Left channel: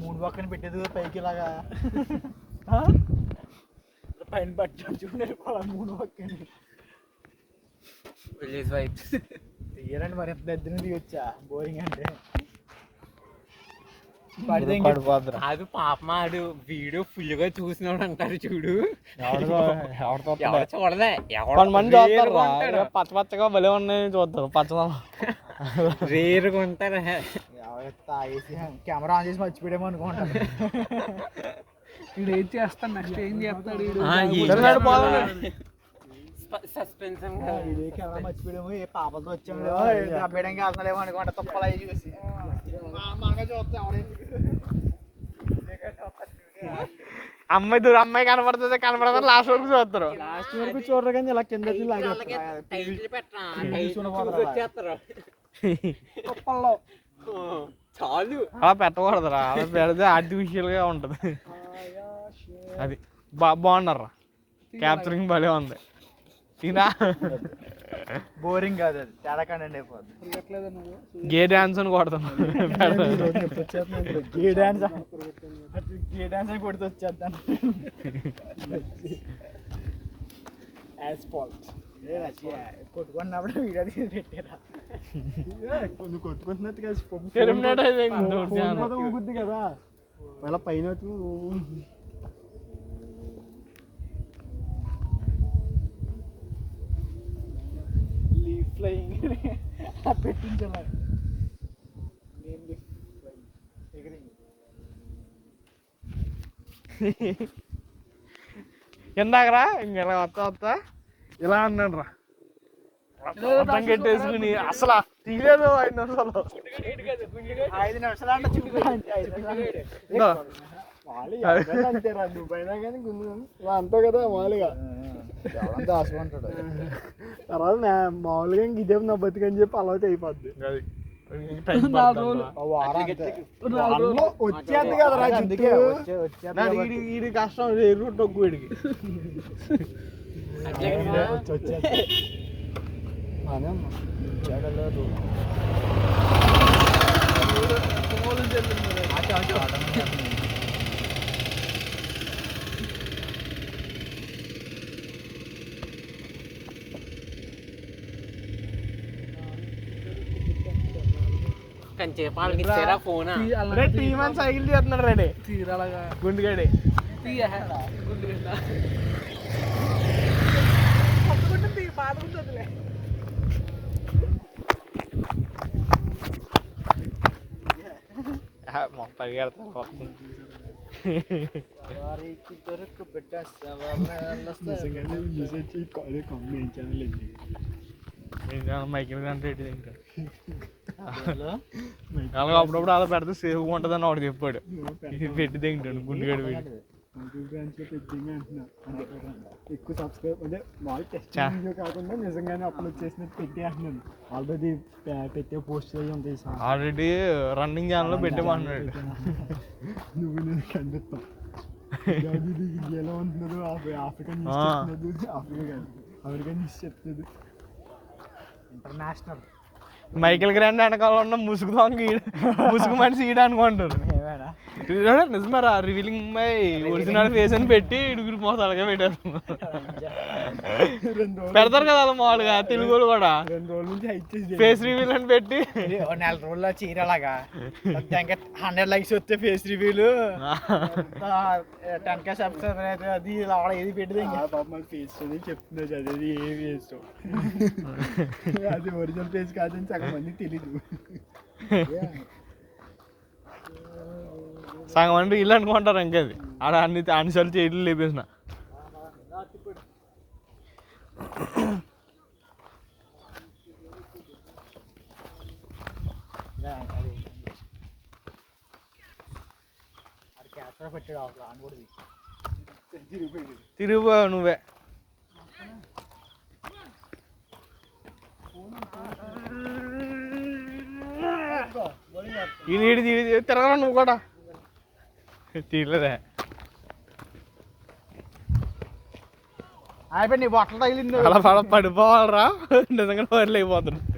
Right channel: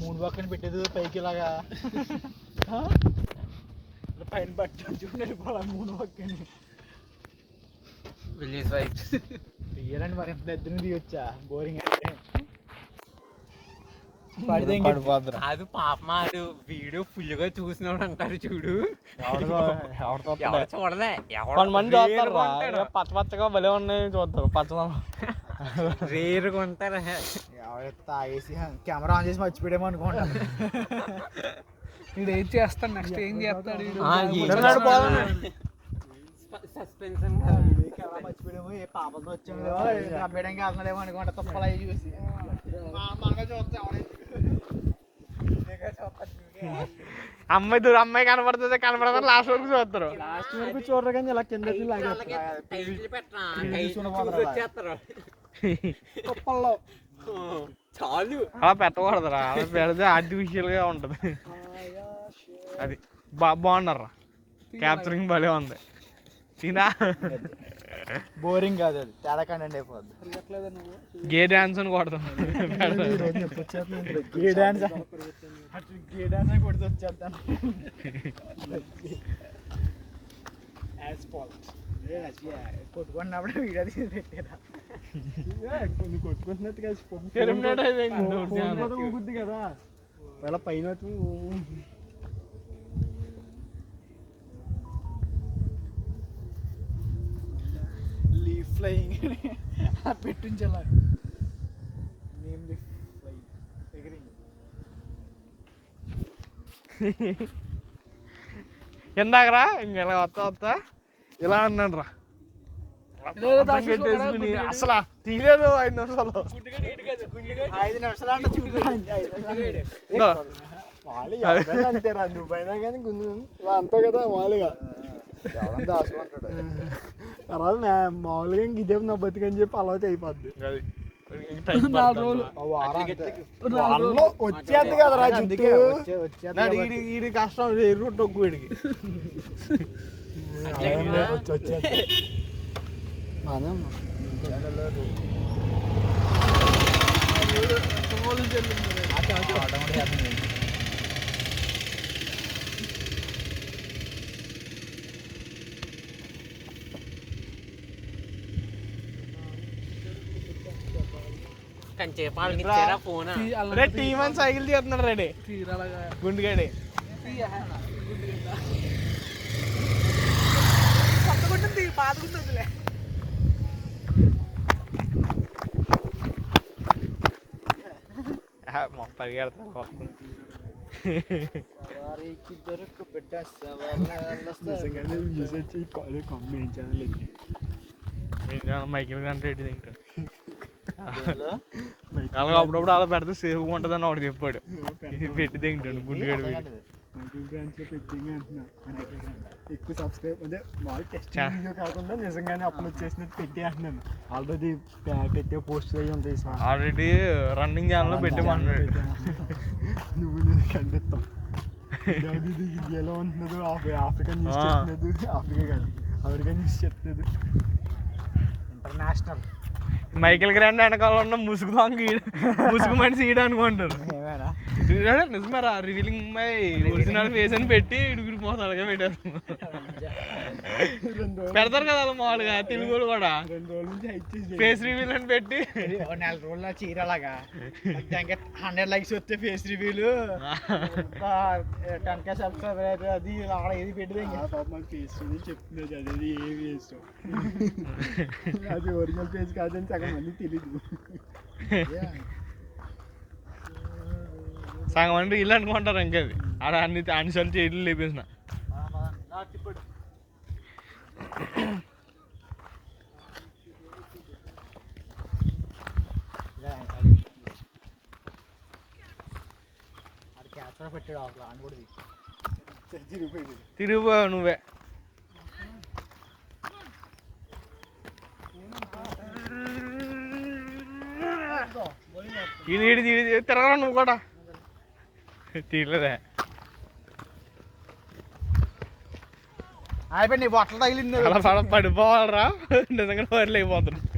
మూడు పక్కన పెట్టేది పైకి ఇలాగా పైన పట్టుకుని మూడు పక్కన తీయరండి మరి ఎంత ఇద్దరిని తీయొచ్చా బోరింగ్ అంటే అది పాపమాడు వీడియో ఫుల్ గా చూసినాడు అంటారు చూడు చూడలే కొంతమంది చూస్తారు పచ్చ పచ్చగా భలే ఉన్నాయి చూస్తారు పచ్చదనం రేరుగా ఉంటారు తాగేసి కెమెరా ఆన్ చేసి మర్చిపోయామో అనుకుంటాను వీడు ఏం చేస్తాడు నెక్స్ట్ ఏం చేస్తాడు సస్పెన్షన్ కెమెరా మర్చిపోయాము ఏ పాపతో వచ్చాము అబ్బాయికి వెళ్తున్నాడేమో అనుకుంటా తప్పలా చూసి మనగా చూస్తాం అమ్మాయి కనపడుతుంది లాస్ట్ వరకు చూస్తారు లాస్ట్ వరకు చూడరు కానీ ఇలా కింద చాలు అలా పెట్టకూడదురా అలా పెడితే ఆర్టిఫిషియల్ గా ఉంటది అది బాగున్నారా క్యాప్చరింగ్ భలే ఉంది తినా బోరింగ్ కాదు అది చాలా కంటెంట్ అయిపోద్ది గే డాన్స్ అని కొడతాను గే డాన్స్ అని కొడుతూ వచ్చేద్దాను కొట్టుకున్నప్పుడు వీడియో తీసి పెట్టారా కొట్టుకుంటున్నట్టు కలిసి కదా అలా పైన ఫ్లయింగ్ పెట్టించాను ఎందాకరా ఇలా వస్తా ఇలా అన్నాడు రా పెట్టేసుకుని అసలు తీయలేదు 5 నిమిషాలు 5 నిమిషాలు అంటే అంతేరా నువ్వైనా కానీ అంతే కదా మామూలుగా దాచుకుంటాడు తర్వాత మామూలుగా ఇదే నా బతికని చెప్పి అలవాటు అయిపోద్ది వచ్చేది కదరా కష్టం ఎరువు టొక్కుడికి టీమ్ అని సైకిల్ తీస్తున్నాడు రెడీ గుండుగాడి మొత్తం మైకిల్ కంటే రెడ్డి తింటాడు అలాగే అప్పుడప్పుడు అలా పెడితే సేఫ్గా ఉంటుందని వాడు చెప్పాడు పెట్టి తింటాడు గుండుగాడు పెట్టి ఎక్కువ సబ్స్క్రైబ్ అదే వాళ్ళు టెస్ట్ వీడియో కాకుండా నిజంగానే అప్లోడ్ చేసినట్టు పెట్టి అంటున్నాను ఆల్రెడీ పెట్టే పోస్ట్ అయ్యి ఉంటాయి ఆల్రెడీ రన్నింగ్ ఛానల్లో పెట్టేమన్నాడు నువ్వు నేను ఖండిస్తావు ఎలా ఉంటున్నదో ఆఫ్రికా న్యూస్ చెప్తున్నది ఆఫ్రికా కానీ అమెరికా న్యూస్ చెప్తుంది ఇంటర్నేషనల్ మైకిల్ గ్రాండ్ వెనకాల ఉన్న ముసుగు మనిషి ఈడ అనుకుంటారు నిజమరా రివీలింగ్ మై ఒరిజినల్ ఫేస్ అని పెట్టి ఇడుగురు మోసం అలాగే పెట్టారు పెడతారు కదా అలా మామూలుగా తెలుగు కూడా ఫేస్ రివీల్ అని పెట్టి 4 రోజుల్లో చీరలాగా 100 లైక్స్ వస్తే ఫేస్ రివ్యూలు 10K సబ్స్క్రైబర్ అయితే అది ఏది పెట్టింది ఫేస్ చెప్తున్నది అది ఏ ఫేస్ అది ఒరిజినల్ ఫేస్ కాదని సగం మంది తెలీదు సగం అంటే ఇల్లు అనుకుంటారు ఇంకది ఆడ అన్నిసార్లు చేయట్లు లేపేసిన తిరుగు నువ్వే ఇది తిరగరా నువ్వు కూడా తీయలేదే అయిపోయి నీ బట్టలు తగిలింది అలా పడిపోవాలరా నిజంగా వదిలేకపోతున్నాడు